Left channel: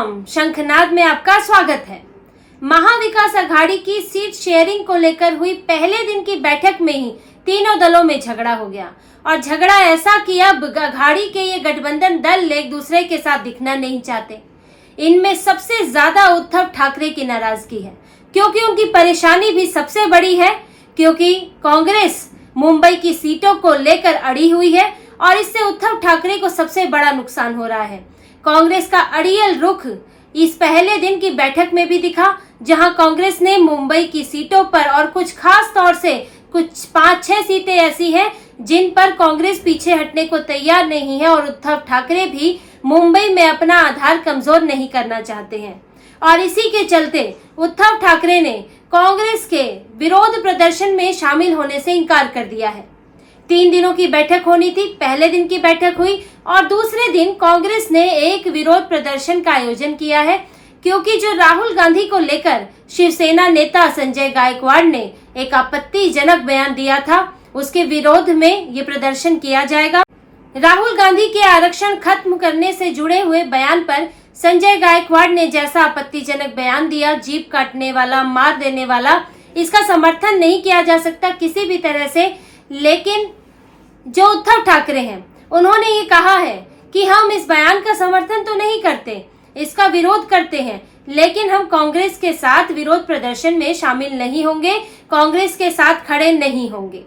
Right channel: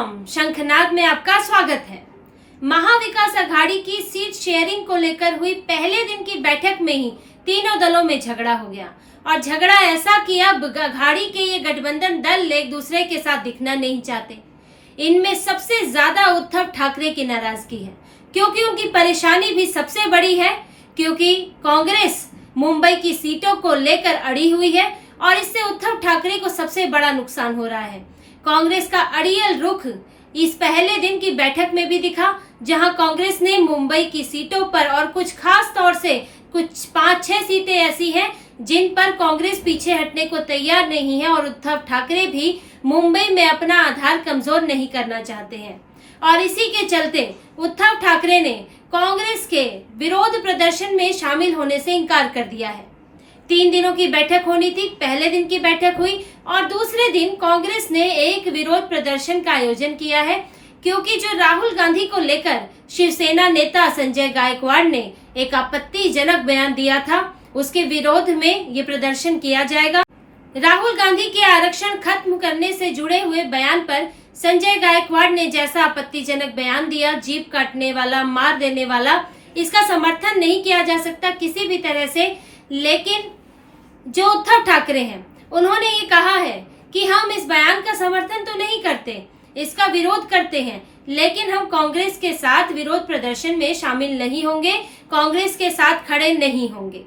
राम, शंखनाद में आपका स्वागत है। महाविकास अघाड़ी की सीट शेयरिंग को लेकर हुई पहले दिन की बैठक में ही तीनों दलों में झगड़ा हो गया और झगड़ा ऐसा कि अब अघाड़ी के ये गठबंधन दल एक दूसरे के साथ दिखना नहीं चाहते। इनमें सबसे ज्यादा उद्धव ठाकरे की नाराजगी है, क्योंकि उनकी परेशानी भी सबसे बड़ी है, क्योंकि कांग्रेस मुंबई की सीटों को लेकर अड़ी हुई है और इससे उद्धव ठाकरे को सबसे बड़ा नुकसान हो रहा है। कांग्रेस का अड़ियल रुख इस पहले दिन की बैठक में भी दिखा, जहां कांग्रेस ने मुंबई की सीटों पर और कुछ खास तौर से कुछ 5-6 सीटें ऐसी हैं जिन पर कांग्रेस पीछे हटने को तैयार नहीं है और उद्धव ठाकरे भी मुंबई में अपना आधार कमजोर नहीं करना चाहते हैं। और इसी के चलते उद्धव ठाकरे ने कांग्रेस के विरोध प्रदर्शन में शामिल होने से इनकार कर दिया है। 3 दिनों की बैठक होनी थी, पहले दिन की बैठक हुई और दूसरे दिन कांग्रेस ने एक विरोध प्रदर्शन का आयोजन किया है, क्योंकि जो राहुल गांधी को लेकर शिवसेना नेता संजय गायकवाड़ ने एक आपत्तिजनक बयान दिया था, उसके विरोध में ये प्रदर्शन किया जाएगा। राहुल गांधी के आरक्षण खत्म करने से जुड़े हुए बयान पर संजय गायकवाड़ ने जैसा आपत्तिजनक बयान दिया, जीप काटने वाला, मार देने वाला, इसका समर्थन नहीं किया जा सकता किसी भी तरह से। लेकिन जो उद्धव ठाकरे हैं, उन्होंने ये कहा है कि हम इस बयान का समर्थन तो नहीं करते, इसका विरोध करते हैं, लेकिन हम कांग्रेस के साथ विरोध प्रदर्शन में शामिल नहीं होंगे, कांग्रेस के साथ खड़े नहीं होंगे।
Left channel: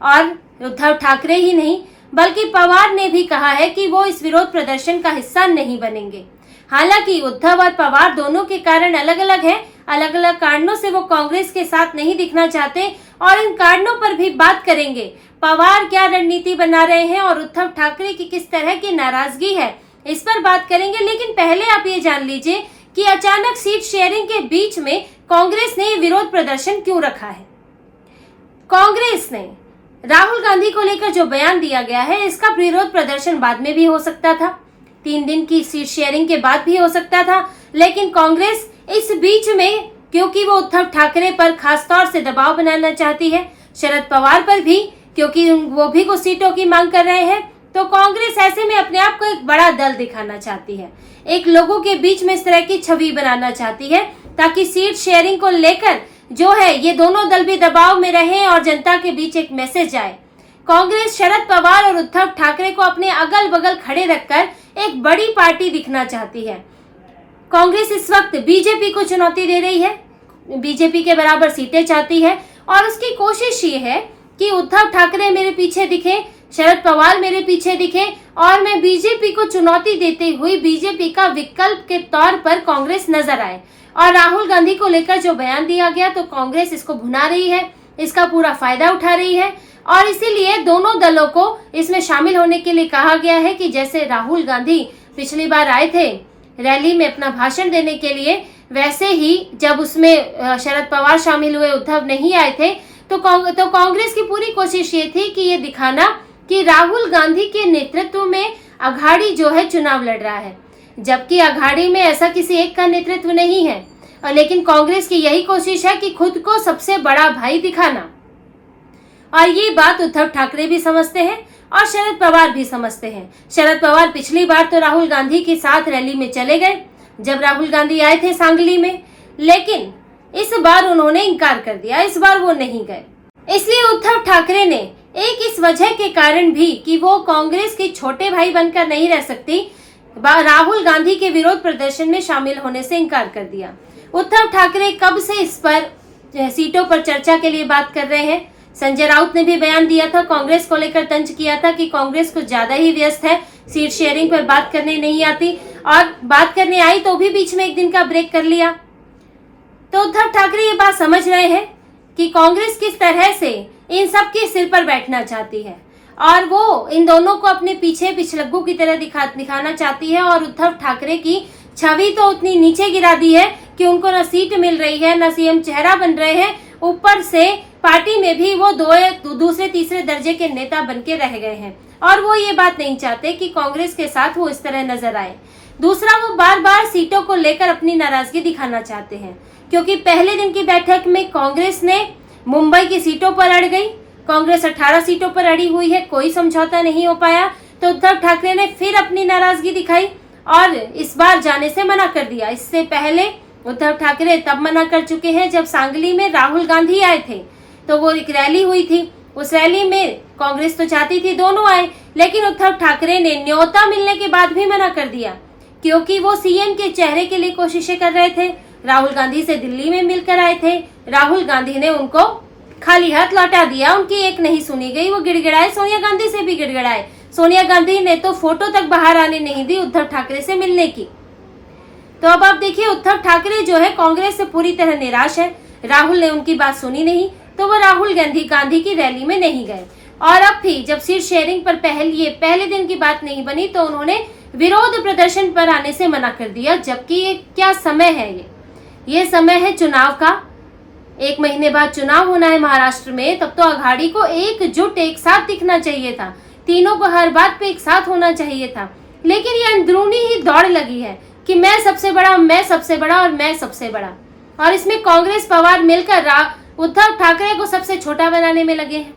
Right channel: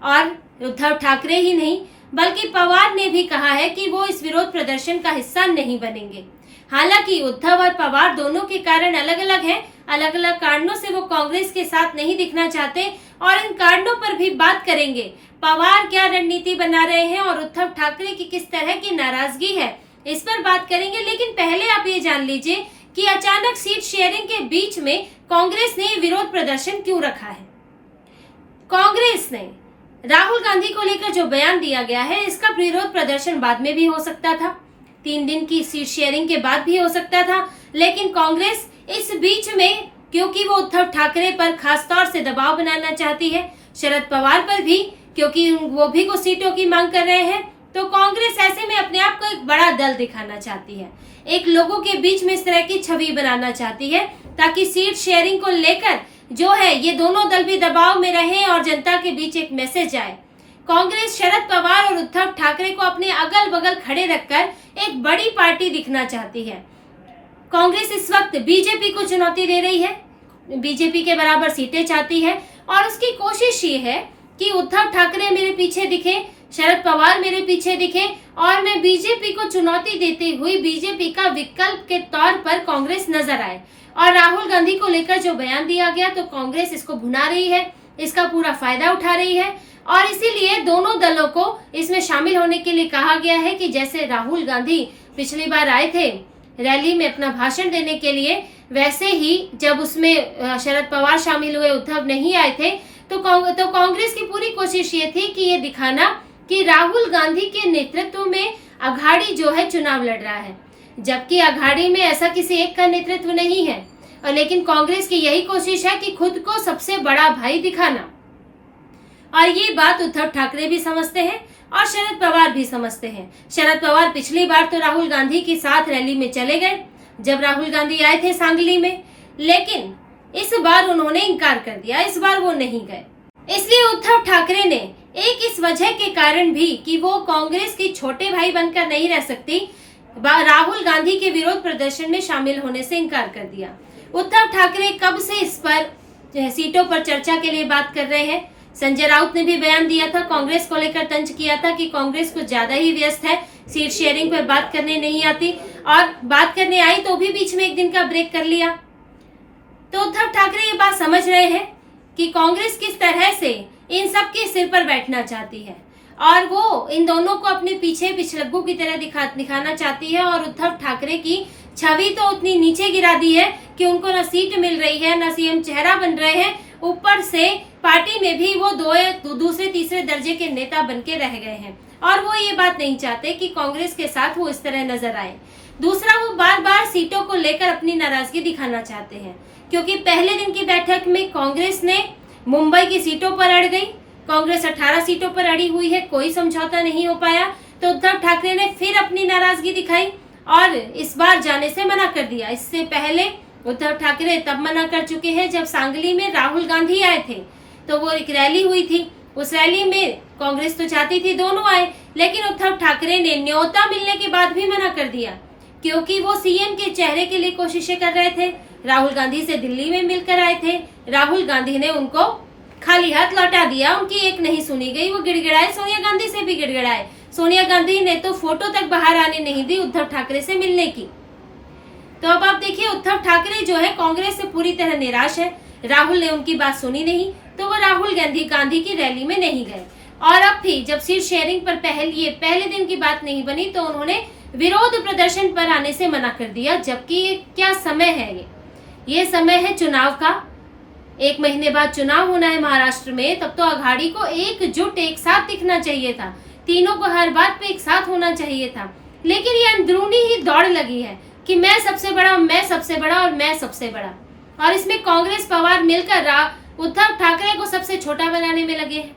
और उद्धव ठाकरे ही नहीं बल्कि पवार ने भी कहा है कि वो इस विरोध प्रदर्शन का हिस्सा नहीं बनेंगे। हालांकि उद्धव और पवार दोनों के कारण अलग अलग हैं, अलग अलग कारणों से वो कांग्रेस के साथ नहीं दिखना चाहते और इन कारणों पर भी बात करेंगे। पवार क्या रणनीति बना रहे हैं और उद्धव ठाकरे की किस तरह की नाराजगी है, इस पर बात करेंगे। लेकिन पहले आप ये जान लीजिए कि अचानक सीट शेयरिंग के बीच में कांग्रेस ने विरोध प्रदर्शन क्यों रखा है। कांग्रेस ने राहुल गांधी को लेकर जो बयान दिया गया है, इसका विरोध प्रदर्शन बाद में भी हो सकता था, 3 दिन की सीट शेयरिंग के बाद भी हो सकता था, लेकिन कांग्रेस इस बीच में, क्योंकि वो उद्धव ठाकरे पर खासतौर से दबाव बनाना चाहती है, शरद पवार पर भी, क्योंकि वो भी कुछ सीटों की मांग कर रहे हैं, तो कांग्रेस ऐसे में अपने आप को एक बड़ा दल दिखाना चाहती है, एक लोगों के बीच में इस तरह की छवि बनाना चाहती है, ताकि सीट शेयरिंग को लेकर जो है ये दोनों दल भी दबाव में रहें और जनता के बीच एक मैसेज आए। कांग्रेस शरद पवार और उद्धव ठाकरे को अपने अगल बगल खड़े रखकर एक बड़ी पार्टी दिखना चाहती है। कांग्रेस इस वक्त बीजेपी को चुनौती दे रही है, बीजेपी के बराबर सीटें चाहती है और उसकी कोशिश ये है कि उद्धव ठाकरे मेरे पीछे दिखे, शरद पवार मेरे पीछे दिखे और मैं बीजेपी को चुनौती देते हुए बीजेपी का विकल्प के तौर पर कांग्रेस नजर आए। और राहुल गांधी को लेकर जो बयान दिया गया, तो कांग्रेस इसको भुना रही है, इसका पूरा फायदा उठा रही है और इसीलिए दोनों दलों को इसमें शामिल होने के लिए कहा गया है कि जैसे राहुल गांधी पिछली बार आए थे रैली में अपना भाषण देने के लिए, वैसे ही जब उसमें शरद पवार शामिल हुए, उद्धव नहीं आए थे, तो कांग्रेस की पूरी कोशिश ये थी कि ये दिखाना कि राहुल गांधी के नेतृत्व में अघाड़ी जो है चुनाव लड़ रहा है, जबकि अघाड़ी में ऐसा किसी एक का नेतृत्व नहीं है। और लेकिन कांग्रेस की यही कोशिश है कि खुद को सबसे बड़ा भाई दिखाना। और ये बात उद्धव ठाकरे भी समझते हैं और शरद पवार भी समझते हैं। शरद पवार पिछली बार तो राहुल गांधी के साथ रैली में चले गए जब राहुल गांधी आए थे सांगली में, लेकिन इस बार उन्होंने इनकार कर दिया, इस बार वो नहीं गए। इसलिए उद्धव ठाकरे ने एक इस वजह के कारण भी कि वो कांग्रेस के छोटे भाई बनकर नहीं रह सकती, राहुल गांधी के विरोध प्रदर्शन में शामिल होने से इनकार कर दिया। उद्धव ठाकरे कब से इस पर सीटों पर चर्चा के लिए बात कर रहे हैं। संजय राउत ने भी बयान दिया था, कांग्रेस को लेकर तंज किया था कि कांग्रेस कुछ ज्यादा ही व्यस्त है, सीट शेयरिंग पर बात करने नहीं आती, और बात करने आई तो भी बीच में एक दिन का ब्रेक कर लिया। तो उद्धव ठाकरे ये बात समझ रहे हैं कि कांग्रेस किस तरह से इन सब के सिर पर बैठना चाहती है और वो इन दोनों को अपने पीछे पिछलग्गू की तरह दिखाना चाहती है। और उद्धव ठाकरे की छवि तो उतनी नीचे गिरा दी है कि उनको न सीट मिल रही है, न सीएम चेहरा बन रहे हैं, ऊपर से पार्टी में भी वो दूसरे तीसरे दर्जे के नेता बन के रह गए हैं। और वो ये बात नहीं चाहते कि कांग्रेस के साथ वो इस तरह नजर आए। दूसरा, वो बार बार सीटों को लेकर अपनी नाराजगी दिखाना चाहते हैं, क्योंकि पहले दिन की बैठक में कांग्रेस ने मुंबई की सीटों पर अड़ गई, कांग्रेस 18 सीटों पर अड़ी हुई है, कोई समझौता नहीं हो पाया। तो उद्धव ठाकरे ने फिर अपनी नाराजगी दिखाई और इस बार जाने से मना कर दिया। इससे पहले उद्धव ठाकरे तब मना कर चुके हैं जब सांगली में राहुल गांधी आए थे, तो वो एक रैली हुई थी। उस रैली में कांग्रेस तो चाहती थी दोनों आए, लेकिन उद्धव ठाकरे ने न्योता मिलने के बाद भी मना कर दिया, क्योंकि वो सीएम के चेहरे के लिए कोशिशें कर रहे थे। राहुल गांधी से दिल्ली में मिलकर आए थे, राहुल गांधी ने उनको खाली हाथ लौटा दिया, उनकी एक नहीं सुनी गई। वो गिड़गिड़ाए, सोनिया गांधी से भी गिड़गिड़ाए। सोनिया गांधी ने तो फोटो तक बाहर आने नहीं दी उद्धव ठाकरे से मिलने की। तो अब आप देखिए, उद्धव ठाकरे जो है कांग्रेस से पूरी तरह निराश है। राहुल ने उनकी बात सुनी नहीं, तो वो राहुल गांधी की रैली में नहीं गए। और अब भी जब सीट शेयरिंग पर पहले दिन की बात नहीं बनी, तो उन्होंने विरोध प्रदर्शन पर आने से मना कर दिया। जबकि ये क्या समय है, ये समय है चुनाव का। 1 महीने बाद चुनाव होना है महाराष्ट्र में, तब तो अघाड़ी को एकजुट एक साथ दिखना चाहिए था, तीनों को हर बात पे एक साथ होना चाहिए था। लेकिन ये अंदरूनी ही दौड़ लगी है कि मैं सबसे बड़ा, मैं सबसे बड़ा और मैं सबसे बड़ा। और इसमें कांग्रेस पवार मिलकर उद्धव ठाकरे को सबसे छोटा बनाने में लगे हैं।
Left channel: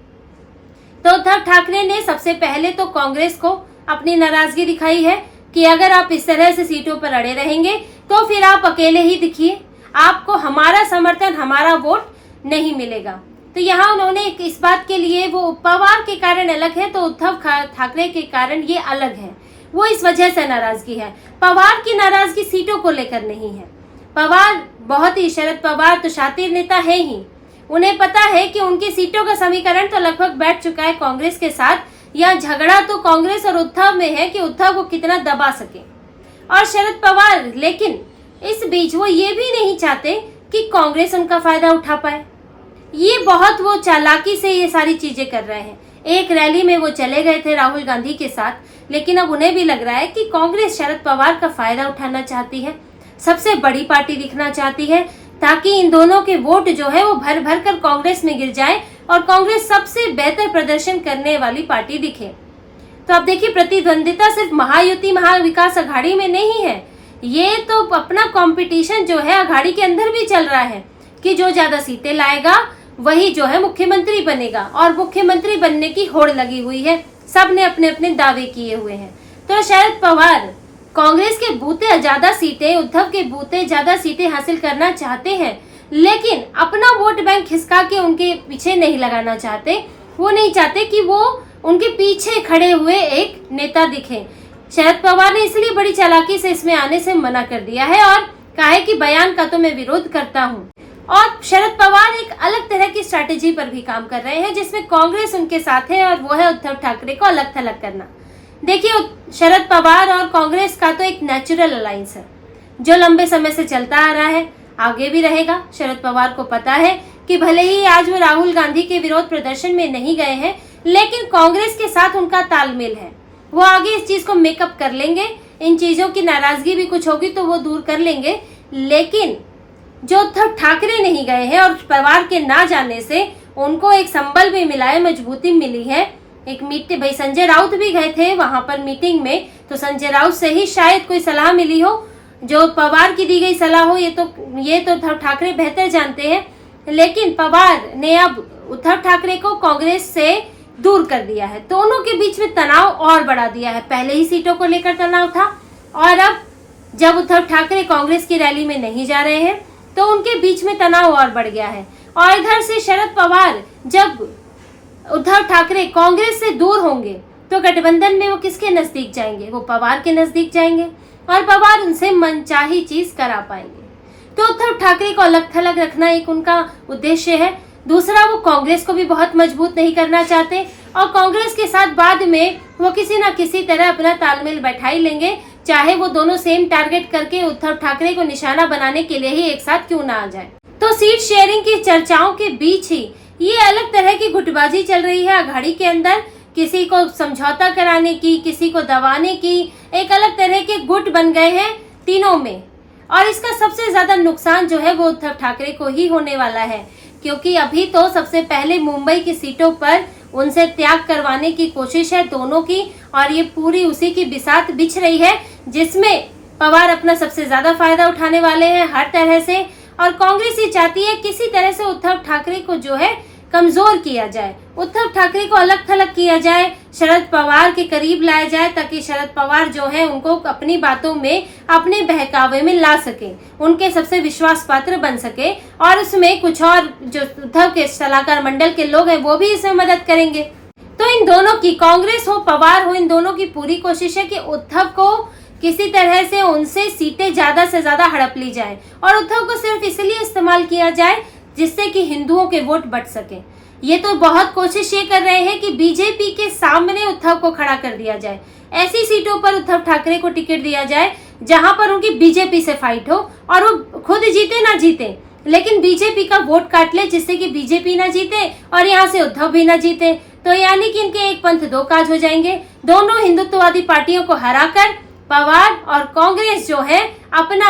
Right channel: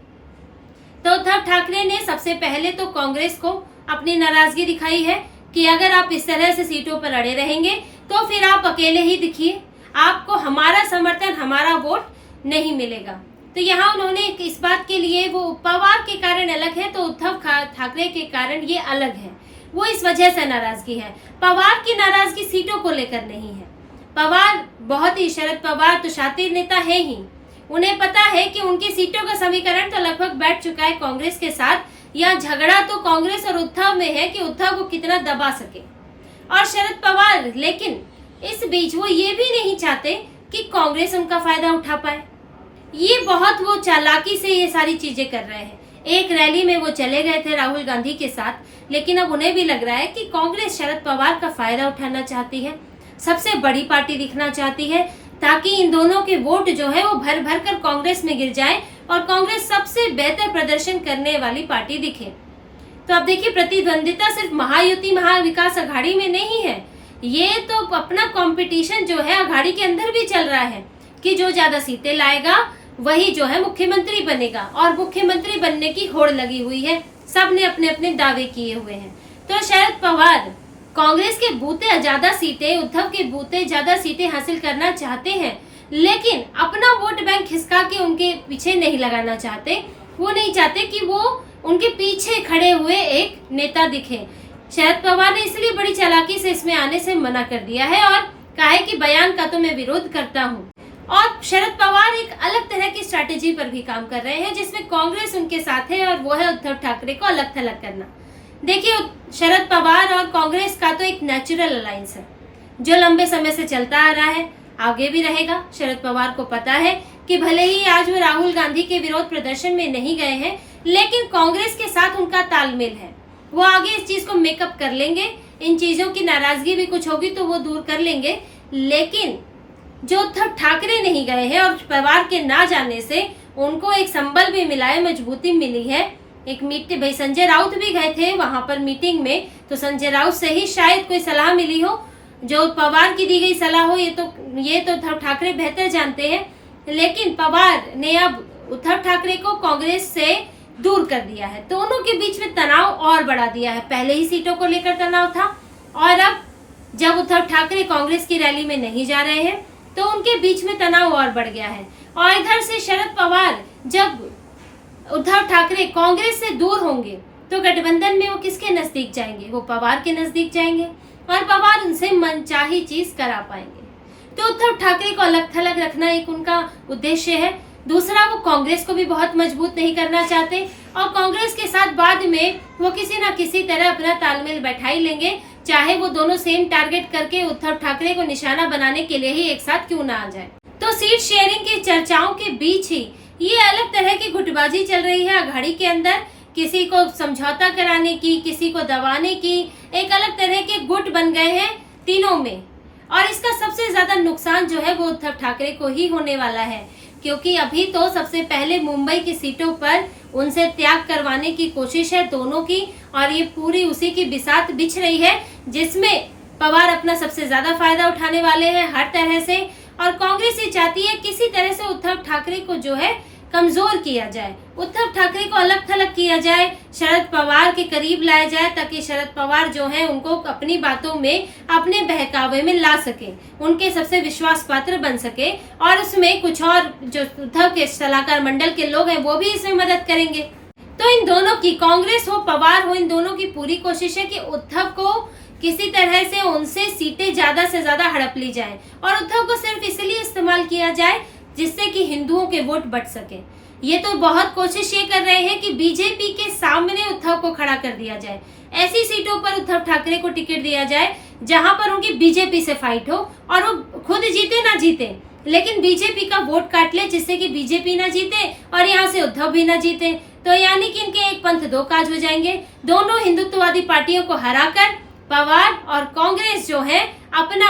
तो उद्धव ठाकरे ने सबसे पहले तो कांग्रेस को अपनी नाराजगी दिखाई है कि अगर आप इस तरह से सीटों पर अड़े रहेंगे तो फिर आप अकेले ही दिखिए, आपको हमारा समर्थन, हमारा वोट नहीं मिलेगा। तो यहाँ उन्होंने इस बात के लिए, वो पवार के कारण अलग है तो उद्धव ठाकरे के कारण ये अलग है, वो इस वजह से नाराजगी है। पवार की नाराजगी सीटों को लेकर नहीं है। पवार बहुत ही, शरद पवार तो शातिर नेता है ही, उन्हें पता है कि उनकी सीटों का समीकरण तो लगभग बैठ चुका है कांग्रेस के साथ। यह झगड़ा तो कांग्रेस और उद्धव में है कि उद्धव को कितना दबा सके। और शरद पवार, लेकिन इस बीच वो ये भी नहीं चाहते कि कांग्रेस उनका फायदा उठा पाए। ये बहुत वो चालाकी से ये सारी चीजें कर रहे हैं। एक रैली में वो चले गए थे राहुल गांधी के साथ, लेकिन अब उन्हें भी लग रहा है कि कांग्रेस शरद पवार का फायदा उठाना चाहती है, सबसे बड़ी पार्टी दिखना चाहती है, ताकि इन दोनों के वोट जो है वो भर भर कर कांग्रेस में गिर जाए और कांग्रेस सबसे बेहतर प्रदर्शन करने वाली पार्टी दिखे। तो अब देखिए, प्रतिद्वंदिता सिर्फ महायुति महाविकास अघाड़ी में नहीं है, ये तो अपना कंपटीशन जो है अघाड़ी के अंदर भी चल रहा है कि जो ज्यादा सीटें लाएगा वही जो है मुख्यमंत्री बनेगा। और मुख्यमंत्री बनने की होड़ लगी हुई है, सब ने अपने अपने दावे किए हुए हैं। तो शरद पवार कांग्रेस के बूते ज्यादा सीटें, उद्धव के बूते ज्यादा सीटें हासिल करना चाहते हैं, लेकिन अपना वोट बैंक खिसका के उनके पीछे नहीं लगाना चाहते। वो नहीं चाहते कि वो उनके पीछे खड़े हुए एक नेता दिखे। शरद पवार ने इसलिए बड़ी चालाकी से इसमें आने से मना कर दिया है और कहा है कि बयान का तो मैं विरोध करता हूँ। और शरद पवार एक अलग तरह की स्ट्रैटेजी पर भी काम कर रहे हैं, जिसमें कांग्रेस उनके साथ है, और वो है उद्धव ठाकरे को अलग थलग करना। देखिए, शरद पवार और कांग्रेस का तो एक नेचुरल अलायंस है जो लंबे समय से चलता आ रहा है, आगे भी रहेगा। शरद पवार को पता है कि भले ही आज वो राहुल गांधी के विरोध प्रदर्शन में नहीं गए हैं, लेकिन कांग्रेस के साथ उनका तालमेल है, वो आगे इस चीज को मेकअप कर लेंगे। इन चीजों की नाराजगी भी कुछ होगी तो वो दूर कर लेंगे। लेकिन जो उद्धव ठाकरे नहीं गए हैं और पवार के ना जाने से उनको एक संबल भी मिला है, मजबूती मिली है। एक मीटिंग, भाई संजय राउत भी गए थे वहां पर मीटिंग में, तो संजय राउत से ही शायद कोई सलाह मिली हो, जो पवार की दी गई सलाह हो, ये तो उद्धव ठाकरे बेहतर जानते हैं। लेकिन पवार ने अब उद्धव ठाकरे को कांग्रेस से दूर कर दिया है, दोनों के बीच में तनाव और बढ़ा दिया है। पहले ही सीटों को लेकर तनाव था, और अब जब उद्धव ठाकरे कांग्रेस की रैली में नहीं जा रहे हैं तो उनके बीच में तनाव और बढ़ गया है। और इधर से शरद पवार, जब उद्धव ठाकरे कांग्रेस से दूर होंगे तो गठबंधन में वो किसके नजदीक जाएंगे? वो पवार के नजदीक जाएंगे और पवार उनसे मनचाही चीज करा पाएंगे। तो उद्धव ठाकरे को अलग थलग रखना एक उनका उद्देश्य है। दूसरा, वो कांग्रेस को भी बहुत मजबूत नहीं करना चाहते, और कांग्रेस के साथ बाद में वो किसी न किसी तरह अपना तालमेल बैठा ही लेंगे, चाहे वो दोनों सेम टारगेट करके उद्धव ठाकरे को निशाना बनाने के लिए ही एक साथ क्यों ना आ जाए। तो सीट शेयरिंग की चर्चाओं के बीच ही ये अलग तरह की गुटबाजी चल रही है अघाड़ी के अंदर, किसी को समझौता कराने की, किसी को दबाने की, एक अलग तरह के गुट बन गए हैं तीनों में। और इसका सबसे ज्यादा नुकसान जो है वो उद्धव ठाकरे को ही होने वाला है, क्योंकि अभी तो सबसे पहले मुंबई की सीटों पर उनसे त्याग करवाने की कोशिश है दोनों की, और ये पूरी उसी की बिसात बिछ रही है, जिसमें पवार अपना सबसे ज्यादा फायदा उठाने वाले हैं हर तरह से। और कांग्रेस ये चाहती है किसी तरह से उद्धव ठाकरे को जो है कमजोर किया जाए, उद्धव ठाकरे को अलग थलग किया जाए, शरद पवार के करीब लाया जाए, ताकि शरद पवार जो है उनको अपनी बातों में, अपने बहकावे में ला सके, उनके सबसे विश्वास पात्र बन सके। और उसमें कुछ और जो उद्धव के सलाहकार मंडल के लोग हैं वो भी इसमें मदद करेंगे। तो इन दोनों की, कांग्रेस हो पवार हो, इन दोनों की पूरी कोशिश है कि उद्धव को किसी तरह से उनसे सीटें ज्यादा से ज्यादा हड़प ली जाए और उद्धव को सिर्फ इसलिए इस्तेमाल किया जाए जिससे कि हिंदुओं के वोट बट सके। ये तो बहुत कोशिश ये कर रहे हैं कि बीजेपी के सामने उद्धव को खड़ा कर दिया जाए, ऐसी सीटों पर उद्धव ठाकरे को टिकट दिया जाए जहां पर उनकी बीजेपी से फाइट हो और वो खुद जीते ना जीते, लेकिन बीजेपी का वोट काट ले, जिससे कि बीजेपी ना जीते और यहाँ से उद्धव भी ना जीते। तो यानी कि इनके एक पंथ दो काज हो जाएंगे। दोनों हिंदुत्ववादी पार्टियों को हराकर पवार और कांग्रेस जो है अपना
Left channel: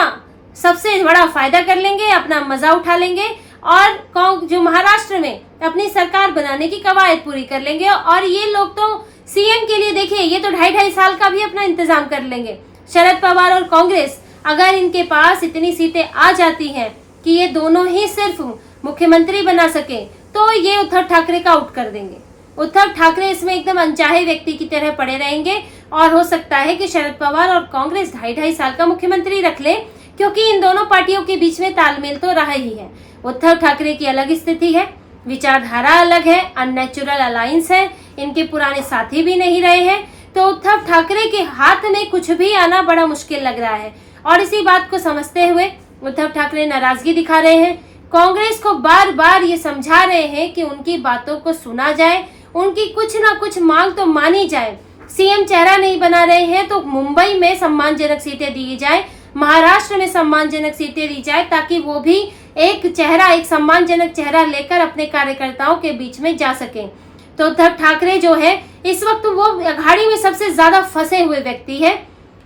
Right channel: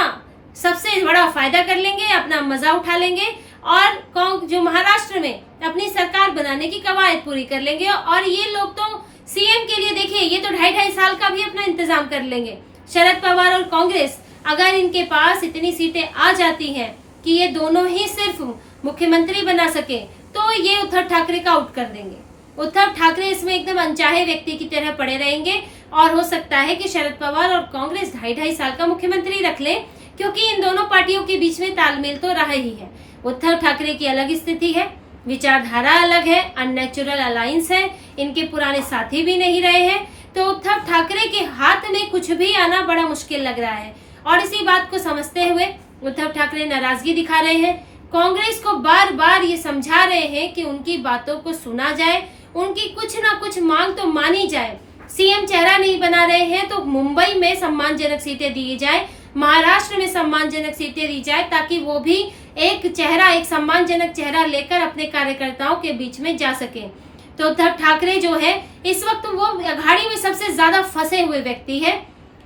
सबसे बड़ा फायदा कर लेंगे, अपना मजा उठा लेंगे और जो महाराष्ट्र में अपनी सरकार बनाने की कवायद पूरी कर लेंगे। और ये लोग तो सीएम के लिए देखिए, ये तो 2.5 साल का भी अपना इंतजाम कर लेंगे। शरद पवार और कांग्रेस, अगर इनके पास इतनी सीटें आ जाती हैं कि ये दोनों ही सिर्फ मुख्यमंत्री बना सके, तो ये उद्धव ठाकरे का आउट कर देंगे। उद्धव ठाकरे इसमें एकदम अनचाहे व्यक्ति की तरह पड़े रहेंगे और हो सकता है कि शरद पवार और कांग्रेस 2.5 साल का मुख्यमंत्री रख ले, क्योंकि इन दोनों पार्टियों के बीच में तालमेल तो रहा ही है। उद्धव ठाकरे की अलग स्थिति है, विचारधारा अलग है, अननेचुरल अलायंस है, इनके पुराने साथी भी नहीं रहे हैं, तो उद्धव ठाकरे के हाथ में कुछ भी आना बड़ा मुश्किल लग रहा है। और इसी बात को समझते हुए उद्धव ठाकरे नाराजगी दिखा रहे हैं, कांग्रेस को बार बार ये समझा रहे हैं कि उनकी बातों को सुना जाए, उनकी कुछ ना कुछ मांग तो मानी जाए। सीएम चेहरा नहीं बना रहे हैं तो मुंबई में सम्मानजनक सीटें दी जाए, महाराष्ट्र में सम्मानजनक सीटें दी जाए, ताकि वो भी एक चेहरा, एक सम्मानजनक चेहरा लेकर अपने कार्यकर्ताओं के बीच में जा सके। तो उद्धव ठाकरे जो है इस वक्त वो अघाड़ी में सबसे ज्यादा फंसे हुए व्यक्ति है।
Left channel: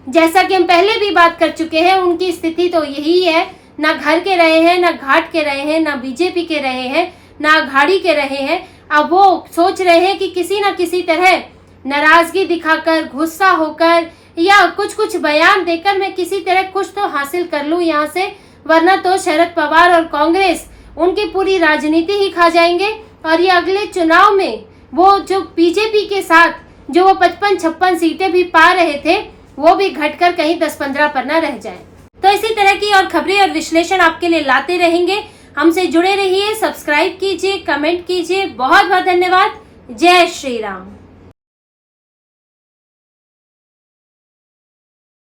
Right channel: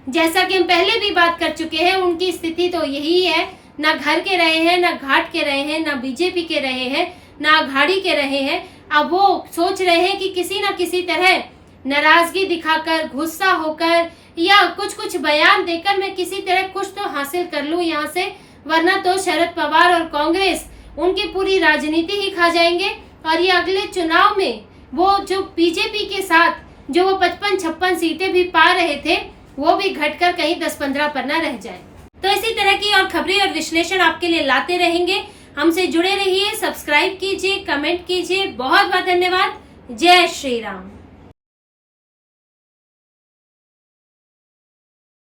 जैसा कि हम पहले भी बात कर चुके हैं, उनकी स्थिति तो यही है, ना घर के रहे हैं, ना घाट के रहे हैं, ना बीजेपी के रहे हैं, ना अघाड़ी के रहे हैं। अब वो सोच रहे हैं कि किसी ना किसी तरह नाराजगी दिखाकर, गुस्सा होकर या कुछ बयान देकर मैं किसी तरह कुछ तो हासिल कर लूं यहाँ से, वरना तो शरद पवार और कांग्रेस उनकी पूरी राजनीति ही खा जाएंगे। और ये अगले चुनाव में वो जो बीजेपी के साथ जो वो 55-56 सीटें भी पा रहे थे, वो भी घटकर कहीं 10-15 पर न रह जाए। तो इसी तरह की और खबरें और विश्लेषण आपके लिए लाते रहेंगे। हमसे जुड़े रहिए, सब्सक्राइब कीजिए, कमेंट कीजिए। बहुत बहुत धन्यवाद। जय श्री राम।